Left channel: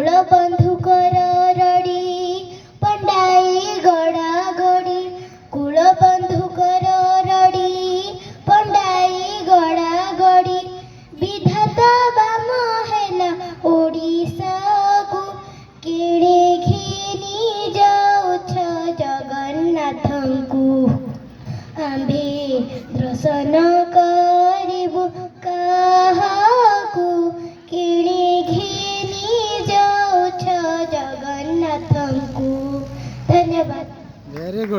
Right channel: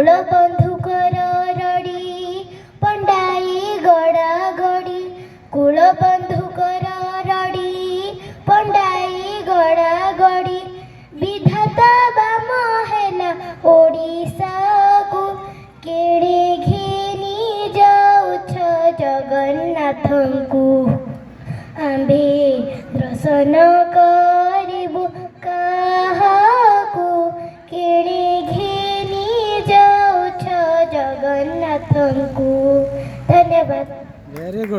କୂଳ ବନ୍ଧୁକର ରଡ଼ି ପଣ୍ଡାଇ ଗଡ଼ା ଗଡ଼ି କୂଳ ବନ୍ଧୁକର ରଡ଼ି ପଣ୍ଡାଇ ଗଡ଼ା ଗଡ଼ି ବିଧାତା ବାମ ହେଲା ଓଡ଼ିଶାକୁ କିଣି ଘିନି ଯାଉଛ ଜଗନ୍ନାଥଙ୍କୁ ଆମ୍ଭେ ଦର୍ଶନ କରିବୁ କାହାକୁ କିଣି ଘିନି ଯାଉଛ ଜଗନ୍ନାଥଙ୍କୁ। ଧନ୍ୟବାଦ। Very good.